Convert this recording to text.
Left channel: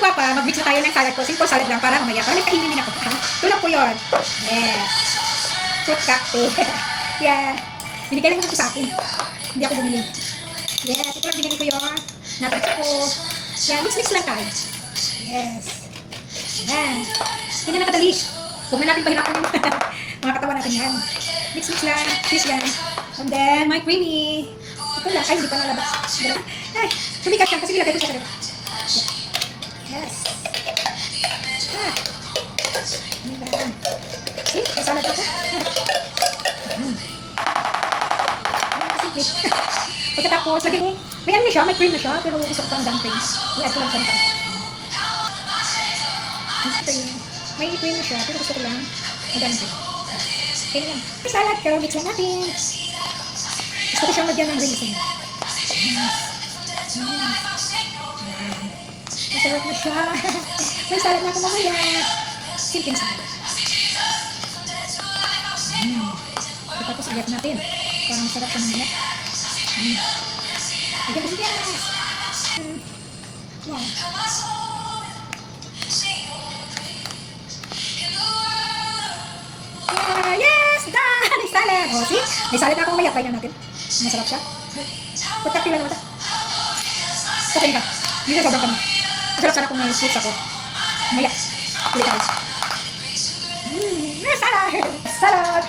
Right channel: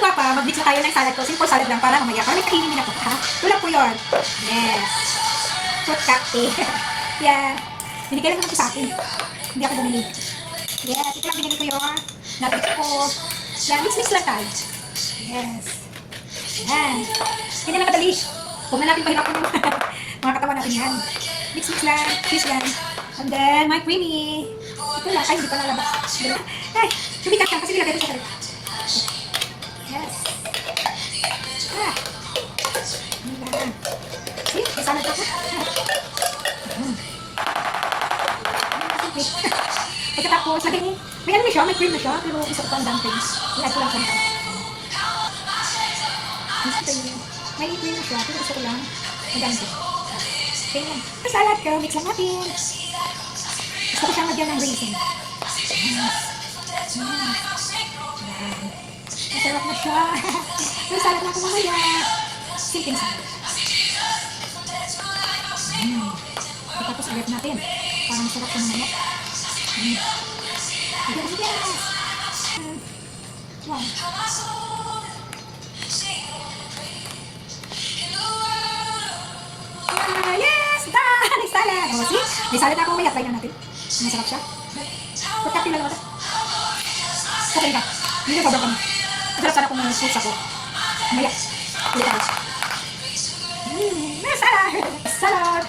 Gwapa, mag-mix na tayo ng salad ko. Simple salad lang para mamaya. Para may kainin din ako. Ha? Tulad po yun. Yes. Fruit cocktail. Yan. Binigay lang ito sa akin. Hindi ako bumili. Yes. Ito lang binigay ko yun. Natin ko. Yan. Mix lang tayo. Yes. Yan. Hindi na nakadali. Huwag na natin pahirapan yung mga katawan natin yan. Mix lang. Cheese yan. And then, my creamy. Ito lang. Ay, hindi pa nalabas. Ay, sumikat lang kasi nilagay ko sa sarap. Yes. Ah. Ayan. See? May salad ako. Pagkatapos, lagi mo, may ano siya, may cream na siya, pero gusto ko pang dumplings. I-add ko lang sa nito. May cream na siya, pero gusto ko lang ang dumpling. Okay yan. May salad ko, mix lang natin. Gusto ko siyang magyan ng dressing. Masarap na siya. May salad na ako mamaya. Simple salad. Tapos ulit natin. Parang masarap sa mamaya. Yes! Wow. Yes! Done! May salad! O, see? May salad na ako mamaya. Try na natin. Masarap siya. Pagkakti lang naman. Kapain ka. Hindi na sobrang kami. Masarap sana kung may fruits ako. Mamaya. Ulit ako. Salad! Salad!